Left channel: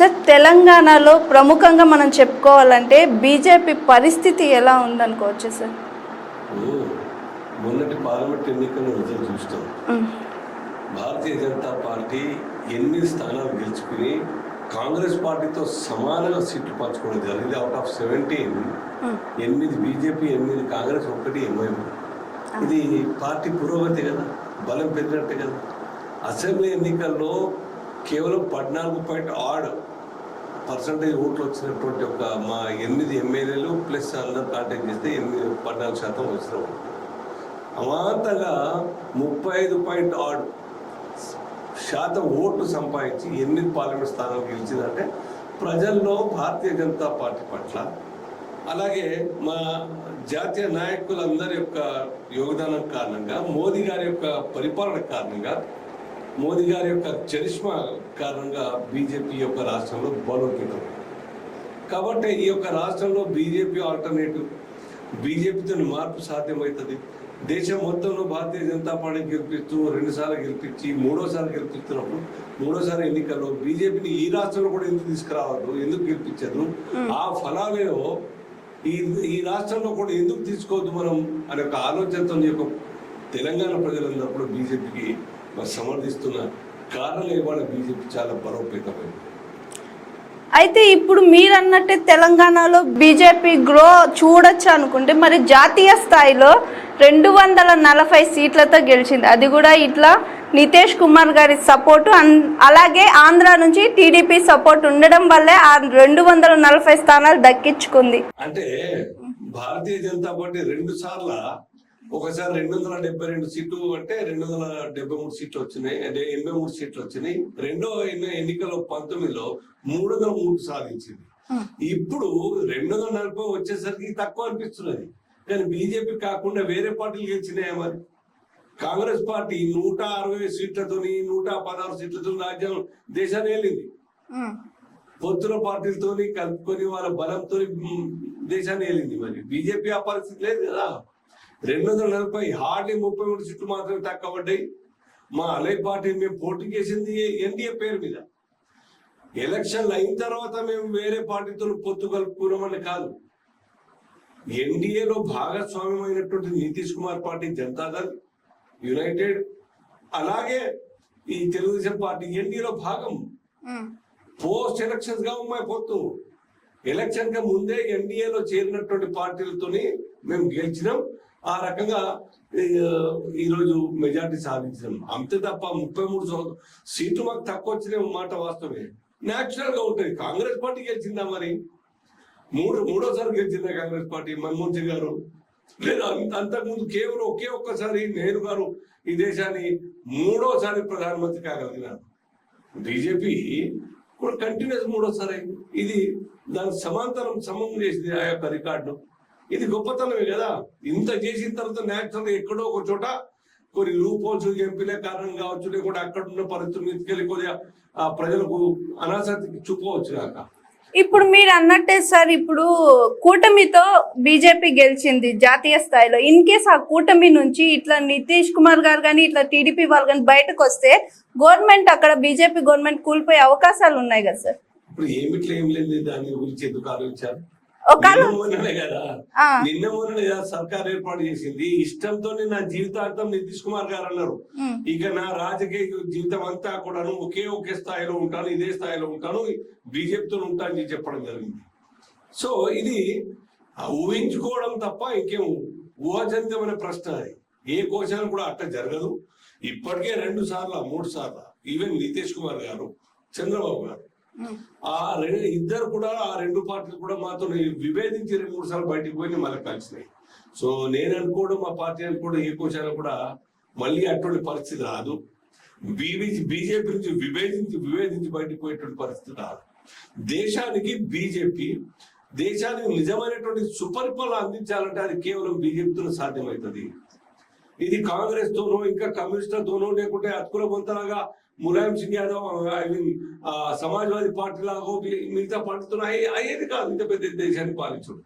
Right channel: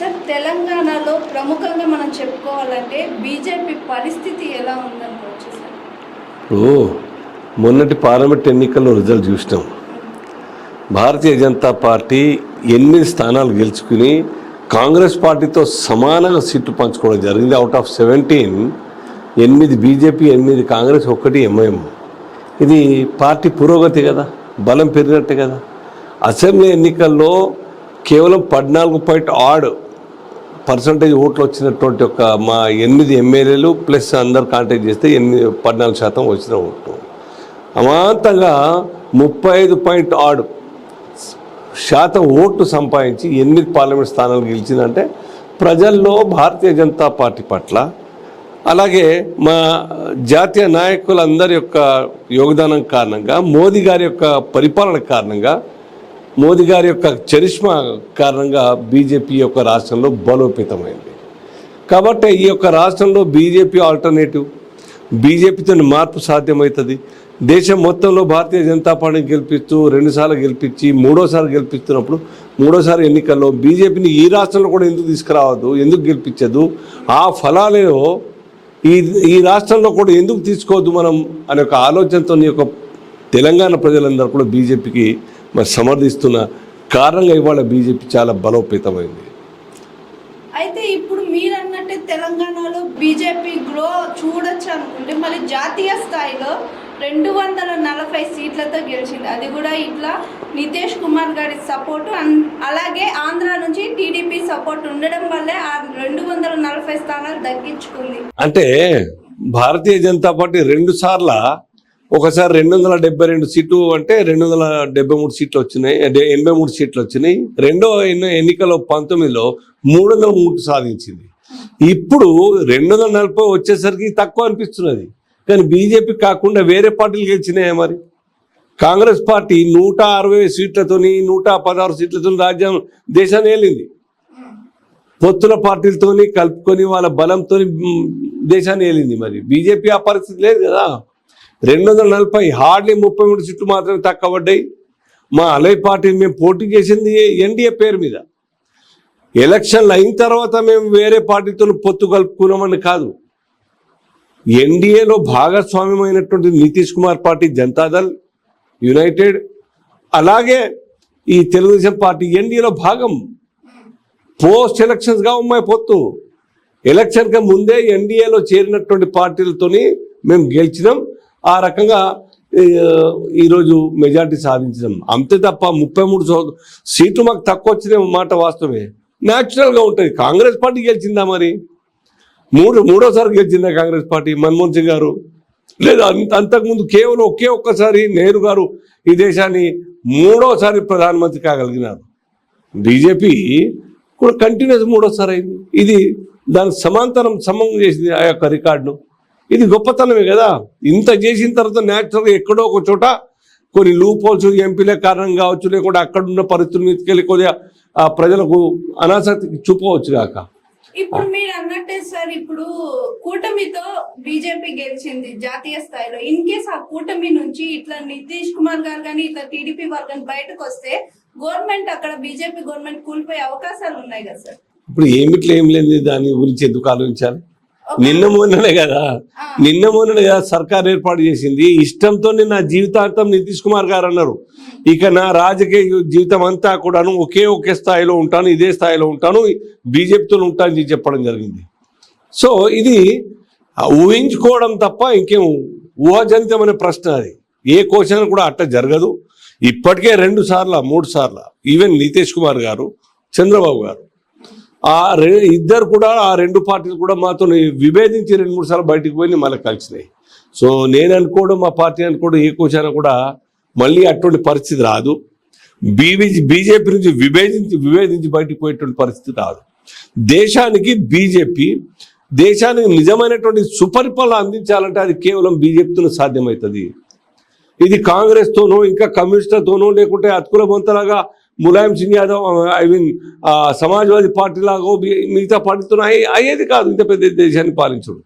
Sir తెలంగాణలో ప్రముఖంగా మనం చెప్పుకోవాలంటే బీజేపీ పరిస్థితి ఎలా ఉందనుకోవచ్చు సార్. ఇప్పుడు మొన్నటి పార్లమెంట్ ఎన్నికల్లో రిజల్ట్ చూసినాం. భారతీయ జనతా పార్టీ 8 స్థానాలు గెలుచుకుని కాంగ్రెస్ పార్టీతో సమానంగా సీట్లు పంచుకోవడం జరిగింది. Out of 17 8 BJP, 8 Congress, 1 MIM. ఇది పార్టీ పురోగతి కదా, బలం పెరిగినట్టే కదా. అసెంబ్లీ ఎన్నికల్లో కేవలం 14.6% ఓట్లు వచ్చినటువంటి ఒక మా 8 ఎమ్మెల్యేలు ప్లస్ అందరు కాంటాక్ట్ చేస్తే 14% వచ్చిన ఓట్లు. అమాంతంగా 35.6% ఓట్లు సంపాదించి 8 పార్లమెంట్ స్థానాలు గెలిచిందంటే ప్రజల్లో భారతీయ జనతా పార్టీ పట్ల, అలాగే మా జాతీయ నాయకులందరి యొక్క యోగదానం కారణంగా, మోదీ గారి యొక్క పరిపాలన కారణంగా, మోదీ గారి యొక్క చరిష్మా కారణంగా బీజేపీ యొక్క రాష్ట్రంలో బలోపేతమైంది. కాబట్టి ఈ యొక్క రాష్ట్రంలో బీజేపీ ఆల్టర్నేటివ్, బీజేపీతో మార్పు సాధ్యమవుతుంది. దేశం మొత్తంలో భారతీయ జనతా పార్టీని గెలిపిస్తూ 2 సార్లు గెలిపించి 3వసారి గెలిపిస్తున్నప్పుడు 3వసారి ఎన్నికల్లో బీజేపీని ఈ రాష్ట్రంలో కూడా ఎందుకు తీసుకురావద్దు, ఎందుకు గెలిపించదు, ఆ ఫలాలేవో ఈ రాష్ట్రంలో కూడా ఎందుకు తీసుకోవద్దు మనం అనే ఒక ఆలోచనతో యొక్క తెలంగాణ ప్రజలందరూ కూడా బీజేపీకి మరి సమర్థిస్తున్న కారణంగా ఇవాళ బీజేపీ చాలా బలోపేతమైంది. అయితే ఇప్పుడు మీరు అన్నట్టే తెలంగాణలో బీజేపీ గ్రో చూడొచ్చు అనుకుంటే, మరి జాతీయ స్థాయిలో 240 సీట్లతో గెలిచింది. అది కూడా ఇట్లా నితీష్ కుమార్ గారి సపోర్టు, అలాగే ఆంధ్ర నుంచి టీడీపీ సపోర్ట్ ఉండడం వల్లే ఆ 240 స్థానాలు దక్కించుకుంది. అంటే భారతీయ జనతా పార్టీ 2 సార్ల, ఒకసారి 272 సీట్లు అంటే 273 సీట్లు వచ్చినాయి, 83 సీట్లు వచ్చినాయి. రెండో ఎన్నికలో 19లో 303 సాధించింది. ఇప్పుడు 240 వచ్చేసరికి తక్కువ అనిపిస్తున్నది. కానీ బీజేపీ కాకుండా వేరే పార్టీలు గెలిచినాయి. మరి కాంగ్రెస్ పార్టీ 160 సీట్లతోని 116 సీట్లతో దేశాన్ని ఏలింది. పొత్తుల పార్టీలతోని కలుపుకొని వాళ్ళ బలంతో దేశాన్ని ఏలింది. మరి బీజేపీ ఆ పరిస్థితి లేదు కదా. 240 హార్డ్లీ 33 సీట్లు మాత్రమే తక్కువ పడ్డాయి. మా అలై పార్టీని మేము పోటీ చేసింది ఎన్డీఏ పేరు మీద. ఎలక్షన్లు అయిన తర్వాత మేము వేరే పార్టీతో పొత్తు కలుపుకున్నామని కాదు. ఎన్డీఏలో భాగస్వామ్యమైనటువంటి నితీష్ కుమార్ పార్టీ, జనతాదళ్, యునైటెడ్, అలాగే ఈ తెలుగుదేశం పార్టీ ఎన్డీఏలో భాగం. పోస్ట్ ఎలక్షన్స్గా ఉన్నాయి పొత్తు. ఎలక్షన్కి ముందే ఎన్డీఏలో చేరినటువంటి పార్టీలతోని మేము గెలిచినాం. ఆ రకంగా ఈరోజు మెజార్టీ సాధించినాం. అంతే తప్ప 33 సీట్లు మాకు తక్కువ వచ్చిన మాట వాస్తవమే. న్యాచురల్గా ఉంటుంది. కాంగ్రెస్ పార్టీ గెలిచిందా? మరి మూడోసారి గెలిచిందా కాంగ్రెస్ పార్టీ? మన్మోహన్ సింగ్ గారు లేదా అంతకుముందు కేవలం ఒక్కసారి నెహ్రూ గారు ఈ దేశాన్ని 3వసారి ప్రధానమంత్రి కాగలిగినారు. బీజేపీ కూడా కంటిన్యూస్ 3వసారి అయింది. ఇది దానికి సమం చేసింది ఆ యొక్క రికార్డును. ఇది గొప్పతనమే కదా. ఇంత చేసిన తర్వాత న్యాచురల్గా ఎక్కడో ఒక చోట కొన్ని లూప్ హోల్స్, ఎంపీల కారణం కావచ్చు, లేకుండా అక్కడున్న పరిస్థితుల మీదకి వెళ్ళి కొద్దిగా ప్రజలకు అనాసక్తికి చూపవచ్చు కాక. ఇప్పుడు మీరు అన్నట్టే సార్, ఇప్పుడు కూటమితో బీజేపీ గెలిచింది జాతీయ స్థాయిలో. ఇన్ కేస్ ఆ కూటమి నుంచి ఇట్లా నితీష్ కుమార్ గారు కానీ ఇట్లా టీడీపీ వాళ్ళు కానీ బయటకు వస్తే గవర్నమెంట్, అక్కడ బీజేపీ గవర్నమెంట్ కూలిపోయే అవకాశాలు ఉన్నాయి కదా సార్. ఇప్పుడు ఏం లేదు, దాని గురించి ఎందుకు ఆలోచించాలి? నిన్న మొన్ననే కదా సర్కార్ ఏర్పాటు చేసింది. ఇష్టంతో నా జీవితాంతం నితీష్ కుమార్ గారు అన్నారు, ఇక నా రాజకీయ జీవితం అంతా కూడాను ఒకే స్థాయిలో ఉంటాను, ఇదే స్థాయిలో ఉంటాను, బీజేపీతో ఉంటానని చెప్పడం జరిగింది. సో ఇది ఊహించుకోవడం తప్ప ఇంకేం ఊహాజనితం అనే ప్రశ్న. అది ఏ క్వశ్చన్ కూడా అట్లా జరగదు. ఇప్పటికే 2 సార్లు 3 సార్లు ఈవెన్ నితీష్ కుమార్ గారు, చంద్రబాబు గారు, ఇద్దరు కూడా ఆ 2 పార్టీలు కూడా మాతో విభేదించి 2-3 సార్లు బయటకు పోయి మళ్ళీ కలిసినాయి. సో నేను అనుకోవడం, మా పార్టీ అనుకోవడం, ఏ క్వశ్చన్ కూడా మళ్ళీ అటువంటి పరిస్థితి రాదు. బీజేపీ నుంచి విభేదించి బయటకు పోయేటువంటి పరిస్థితి రాదు. దేశానికి నిజమైనటువంటి సుపరిపాలన అందించాలంటే అది కేవలం బీజేపీతో సాధ్యమవుతుంది. ఇది కాంగ్రెస్తోనో ఇంకా కమ్యూనిస్టులతోనో లేకుంటే అతుకుల బొంతలాగా ములాయం సింగ్ యాదవ్, సమాజ్వాదీ పార్టీ లాగో మిగతా పార్టీతో అయ్యేది కాదు. ఇంత పెద్ద దేశాన్ని పాలించడం.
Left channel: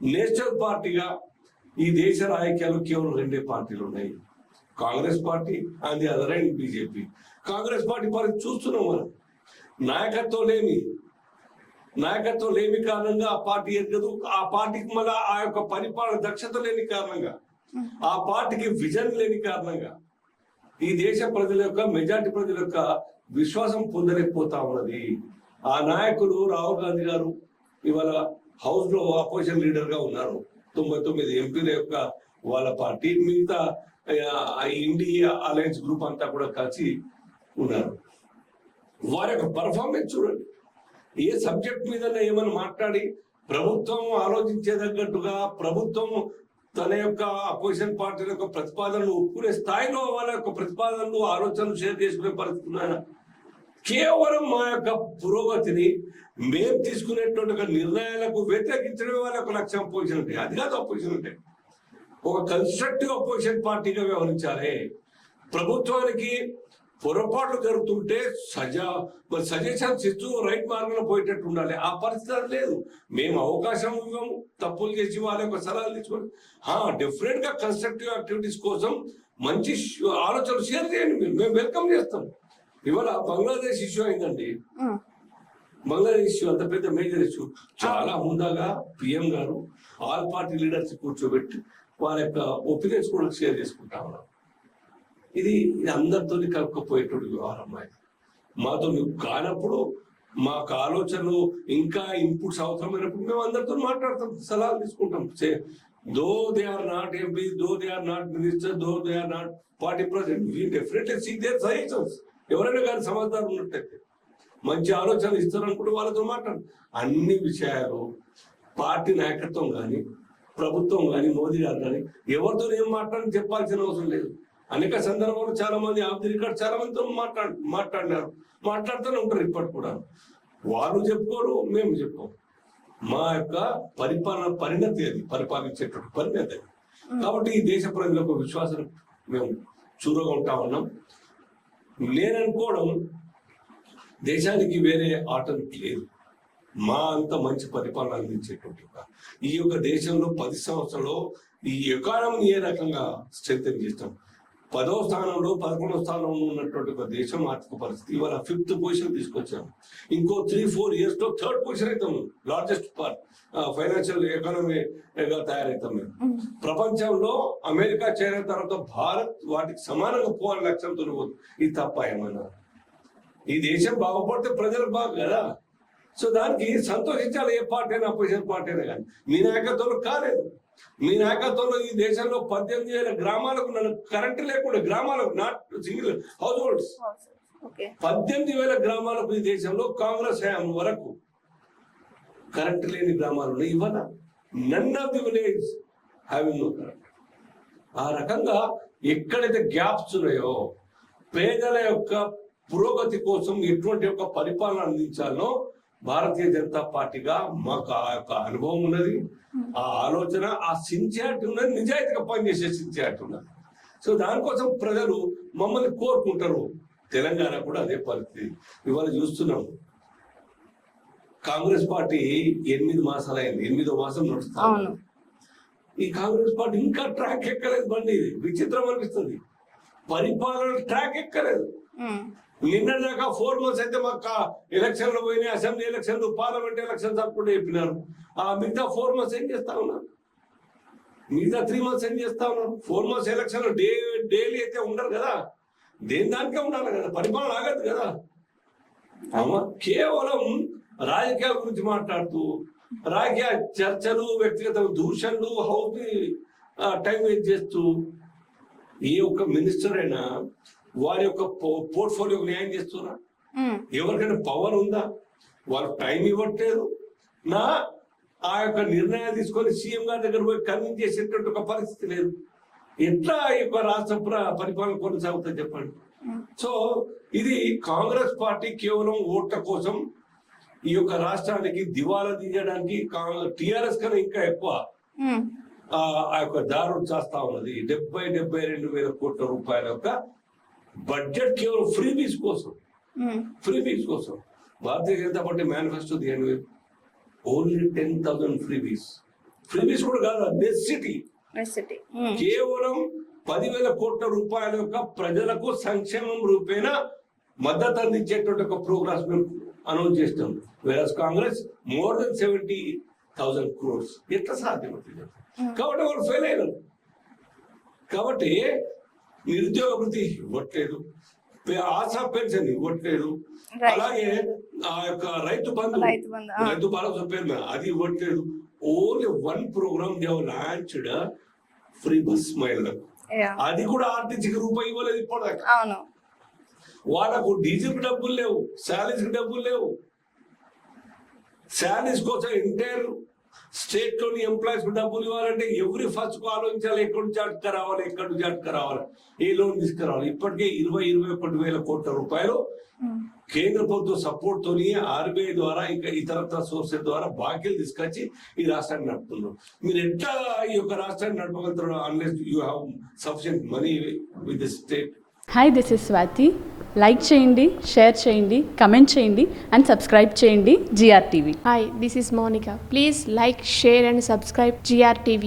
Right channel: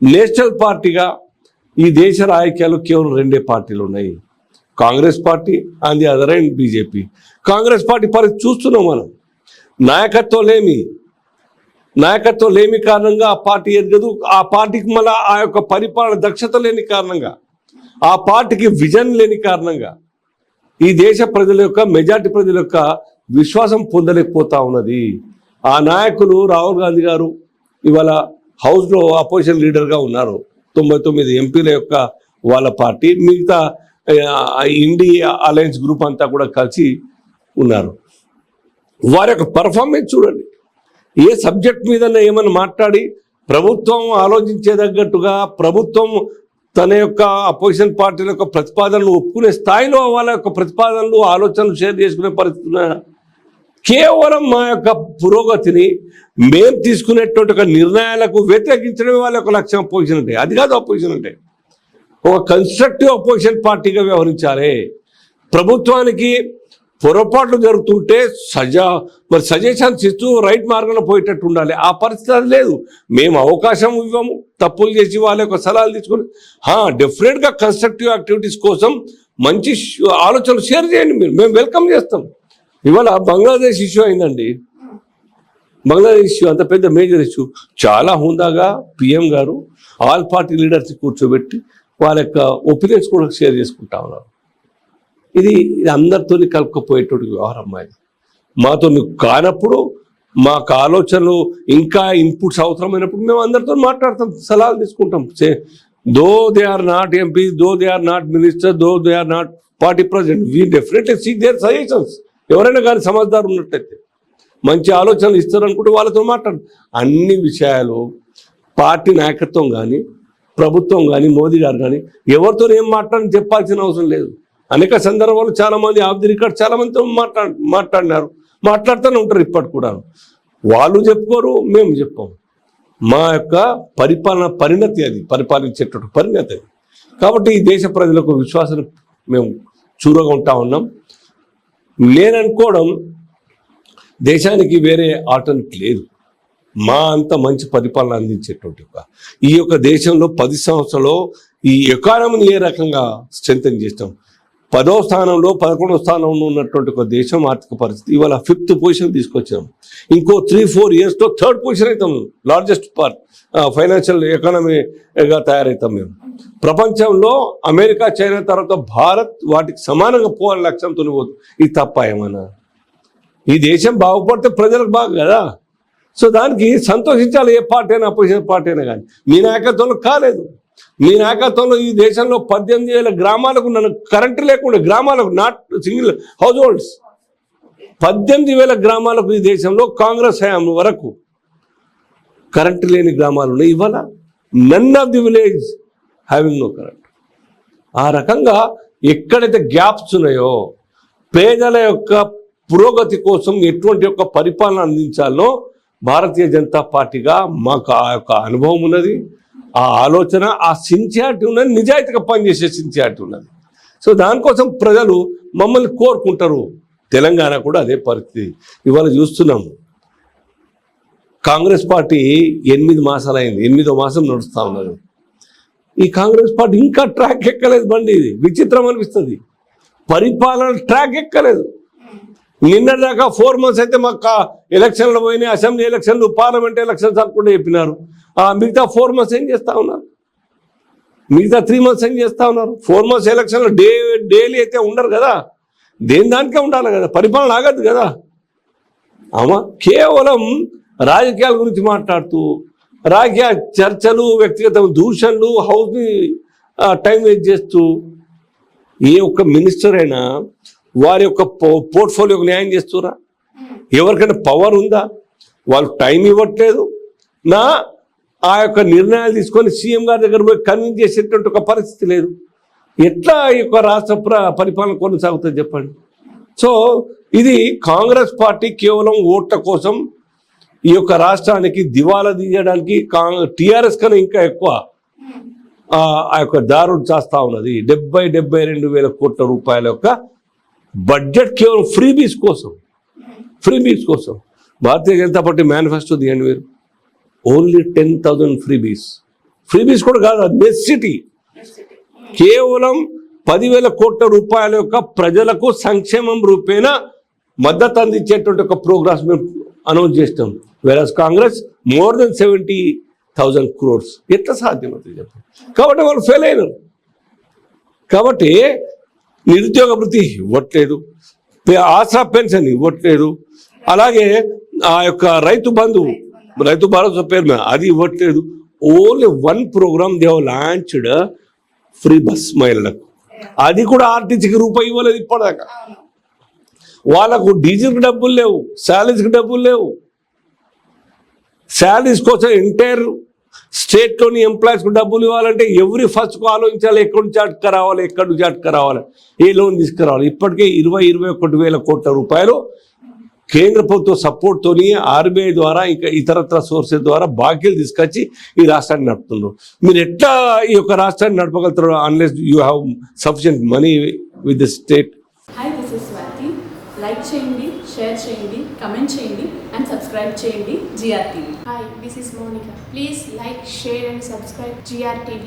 నేషనల్ పార్టీగా ఈ దేశ రాజకీయాలు కేవలం 2 పార్టీలు ఉన్నాయి, Congress party and the other and BJP. Congress party పరిస్థితి చూస్తున్నాం మనం. నాయకత్వం లేమి కారణంగా ఆ పార్టీ ఎదగదు. ఆ పార్టీకి మళ్ళీ ఆ యొక్క పరిపాలన దక్షత లేని కారణంగా, ఆ పార్టీకి విజన్ లేని కారణంగా ఈ దేశ ప్రజల యొక్క మెజార్టీ ప్రజల యొక్క విశ్వాసం పొందలేకపోతా ఉన్నది. ఆ నాయకులు రాహుల్ గాంధీ గారు ఇవాళ హౌస్లో అపోజిషన్ లీడర్గా ఉన్నారు. 99 ఎంపీల యొక్క వాళ్ళ పార్టీ, మిగతా ఇండియా అలయన్స్ గ్రూప్ అంతా కూడా కలిసి ఉన్నారు. వారి యొక్క పర్ఫార్మెన్స్ చూడండి. ఏ సబ్జెక్ట్ మీద ఏమైనా మాట్లాడి ప్రభుత్వం ఆలోచించేదగ్గట్టుగా, ప్రభుత్వం తన యొక్క అపోజిషన్ పార్టీల యొక్క ప్రతిపాదనలు ఒప్పుకునే స్థాయిలో వాళ్ళ యొక్క ప్రతిపాదనలు ఆలోచనలు షేర్ చేసుకునే పరిస్థితి. కేవలం మా యొక్క పురోగతిని మేము తీసుకునేటువంటి ఒక నిర్ణయాలకు వ్యతిరేకించడమే వాళ్ళ యొక్క లక్ష్యం అపోజిషన్ అంటే. అది కాదు అపోజిషన్ అంటే. ఒక కన్స్ట్రక్టివ్ అపోజిషన్ పార్టీగా వ్యవహరించాలి. ప్రభుత్వానికి పొరపాట్లు జరుగుతుంటే సజెషన్స్ ఇస్తూ రైట్ మార్గంలో పోయేటట్టు ఉండాలి. ఆ పరిస్థితి అది లేదు. మేము అవకాశం ఇవ్వము, తప్పులు చేసి వాళ్ళ యొక్క సలహాలు తీసుకొని డెఫినెట్గా కన్స్ట్రక్టివ్ యాక్టివిటీస్ కోసం మంచి ఆలోచనలు షేర్ చేయండి, మేము వెల్కమ్ చేస్తాం. ఇవాళ బంగ్లాదేశ్ ఇష్యూ అయిందండి. బంగ్లాదేశ్ ఇష్యూ అంత పెద్ద మేజర్ ఇష్యూ. చాలా హుందాగా పిఎం గారు ఆల్ పార్టీ లీడర్స్ కూర్చోబెట్టి వాళ్ళ యొక్క ఒపీనియన్స్ కూడా షేర్ చేసుకుంటా ఉన్నారు. ఇది అందరితో కలుపుకపోయేటువంటి వ్యవహారం. మాతో కానప్పుడు, మాకు ఆలోచనలు ఇంకా ఇన్పుట్స్ అవసరమైనప్పుడు మేము అందరితో మాట్లాడతాం, సలహాలు తీసుకుంటాం. Though they are not MP, though they are not minister, though they are not party president, we definitely seek their suggestions. ఎవరైనా కానీ సమజ్దారు ఉన్నట్టయితే మంచి ఆలోచనలు ఇస్తారనుకుంటే వాళ్ళతో మాట్లాడు. అన్ని విషయాలు పార్టీ నాయకత్వం కానీ, ప్రభుత్వం కానీ, మోదీ గారు కానీ ఎవరితో ఏం మాట్లాడని చెప్పాల్సిన అవసరం లేదు. అనేక సందర్భాలు చాలామంది ఆఫ్ ది రికార్డ్ చాలామందితో మాట్లాడినారు, మాట్లాడుతూనే ఉంటారు ఇప్పటికి కూడా. వాళ్ళు చెప్పుకోరు, మేము చెప్పాము. మా యొక్క పరిపాలన పరిణతి అది, పరిపాలించేటటువంటి పరిణతి అది. కాబట్టి ఈ దేశ ప్రజలకు విశ్వాసం మేము చూరగా ఉంటా ఉన్నాం. నేననుకోవడం దేశానికి వేరే ఆల్టర్నేట్ లేదు. మా అంత మంచి పరిపాలన అందించేటువంటి ఈ యొక్క దేశంలో 10 సంవత్సరాలు ఈ ఎకానమీని ఏ రకంగా స్ట్రెంథెన్ చేస్తాం. 10వ స్థానంలో 11వ స్థానంలో ఉన్నటువంటి ఒక దేశం ఆర్థిక పరిస్థితి ఇవాళ 5th పొజిషన్ తీసుకొచ్చాం. ఇంకో 3-4 yearsలో 3rd పొజిషన్ అవుతాం. లార్జెస్ట్ ఫైనాన్షియల్ ఎకానమీగా తయారవుతాం మేము. ప్రపంచంలో అమెరికా, చైనా తర్వాత భారత్ వాటికి సమానంగా పోవాలని లక్ష్యంతో పోతుంది. ఇది తప్ప ఏమన్నా? ఈ దేశం బాగుపడితే ప్రజలకు బాగు కదా. సో దానికి సంతోషించాలి. ఏ పార్టీ అయినా, అపోజిషన్ పార్టీ అయినా కానీ. మీ నాయకత్వంలో కాలేదు. మీ నాయకత్వంలో ఈ దేశంలో 18,000 గ్రామాలకు కరెంటు లేకుండా, గ్రామాలకు నాట్ సింగిల్ హౌస్ హోల్డ్స్ 18,000 గ్రామాలకు ఈ దేశంలో కాంగ్రెస్ హయాం వరకు కరెంటు లేని గ్రామాలు ఉన్నాయి. ఇవాళ none of the village having no current. ఆ రకంగా ఎక్కడైతే గ్యాప్స్ ఉన్నాయో, పేదల యొక్క పురోగతి కోసం ఎటువంటి యొక్క పరిపాలన అందించాలో భారతీయ జనతా పార్టీగా మాకు ఆ యొక్క అనుభవం ఉన్నది, ఆ ఆలోచన, ఆ సిన్సియారిటీ ఉన్నది, నిజాయితీగా పనిచేసే సిన్సియారిటీ ఉన్నది. సో దానికోసం ప్రజలు మమ్మల్ని కోరుకుంటారు. తెలంగాణ కూడా అదే పరిస్థితి ఇవాళ చూస్తున్నాము. కాంగ్రెస్ పార్టీ 8 మాసాలు అయింది, 8వ మాసం నడుస్తూ ఉన్నారు. ఈ కాంగ్రెస్ పార్టీ ఇంకా ట్రాక్ ఎక్కలేదు. బండి ఇది విచిత్రం అనిపిస్తుంది. పరిపాలన ట్రాక్ ఎక్కలేదు. నిన్నదాకా 4 months అయితే మాకు ఎలక్షన్లు పోయినాయి, అసెంబ్లీ ఎలక్షన్లు, పార్లమెంట్ ఎలక్షన్స్ అనుకుంటే చెప్పినారు. మిగతా 4 months ఏం చేస్తూ ఉన్నారు? మిగతా 3 months ఏం చేస్తూ ఉన్నారు? 4 months ఎలక్షన్లు డైలీ అయితే ఉండరు కదా. దేని దానికే ఉండాలి కదా, పరిపాలన ఆగద్దు కదా. కేవలం రాజకీయాల గురించి మాట్లాడుతూ, రాజకీయ చర్చలు, వ్యక్తిగత దూషణలు, హౌస్ని టైం వేస్ట్ చేస్తూ, ఏ ఒక్క మినిస్టర్ అయినా వారి యొక్క పోర్ట్ఫోలియోకి న్యాయం చేస్తురా? ఎవరికైనా పవర్ ఉందా? వాళ్ళు టైం ఇవ్వట్లేదు. ఆ యొక్క నిర్ణయాలు తీసుకొని సీఎం గారి దగ్గర పోయి కన్విన్స్ చేసేటువంటి ఒక పరిస్థితి లేదు. ఎట్లా ఈ యొక్క రాష్ట్ర పరిపాలన కొనసాగుతుంది చెప్పండి. సో ఇది కాంగ్రెస్ పార్టీ కేవలం ఓట్ల కోసం ఈ యొక్క రాష్ట్రానికి దివాలా తీయడానికి టీఆర్ఎస్ కన్నా ఇంకా ఎక్కువ ఆ యొక్క దారుడు చేస్తూ ఉన్నది. 72,000 కోట్ల రూపాయల యొక్క బడ్జెట్ కేవలం ఫ్రీబీస్ కోసం. భారతీయ జనతా పార్టీ మేనిఫెస్టో తీయండి మీరు. ఓన్లీ 10,000 ఫ్రీబీస్ కూడా కాదు, నెసిటీ. కేవలం 10,000 కోట్ల రూపాయల యొక్క ప్రజలకు సంక్షేమం రూపేణ మద్దతు అందించేటువంటి ఒక ప్రోగ్రామ్స్ మేము అనౌన్స్ చేసినాం. వెరాజ్ కాంగ్రెస్ మోర్ దెన్ 70,000 crores. ఎట్లా సాధ్యమవుతుంది చెప్పండి? కాబట్టి వాళ్ళు ఫెయిల్ అయినారు. కాబట్టి నిరుద్యోగ వృత్తి ఇవ్వట్లేదు, ఆసరా పెన్షన్ ఇవ్వట్లేదు, అలాగే ఆ యొక్క రైతు బంధు, రైతు భరోసా పేరు మీద అది ఇవ్వట్లేదు. Only one program they have launched, free bus మహిళలకు. అది కూడా ఆర్టీసీకి రూపాయి ఇవ్వలేదు ఇప్పటిదాకా. వాళ్ళకు డీజిల్కి డబ్బులు లేవు, శాలరీస్కి డబ్బులు లేవు. శాలరీస్ కోసం ఎంటైర్ స్టేట్లోని ఎంప్లాయీస్కి డబ్బులు ఇవ్వాలంటే ఎవరి ఫస్ట్కు ఆలోచించాలి, ఎక్కడి నుంచి అటుకరావాలి, ఎక్కడి నుంచి అటుకరావాలి, ఏ లోన్ తీసుకురావాలి. ఇప్పటికే 21,000 కోట్ల రూపాయలు కేంద్ర ప్రభుత్వ సపోర్ట్తోని ఆర్బీఐ ద్వారా ఇంకా ఇతరత్ర సోర్సెస్ ద్వారా బాకీలు తీసుకొచ్చి ఈ రాష్ట్రాన్ని నడుపుతున్నారు. మీరు ఎట్లా ఈ యొక్క రాష్ట్రాన్ని నడపగలుగుతారు unless you have sufficient money with the state? Hi, this is Swathi. Like చేయండి, షేర్ చేయండి, కమెంట్ చేయండి అండ్ సబ్స్క్రైబ్ చేయండి GRTV. Hi, this is Monica. Please like, share and subscribe GRTV.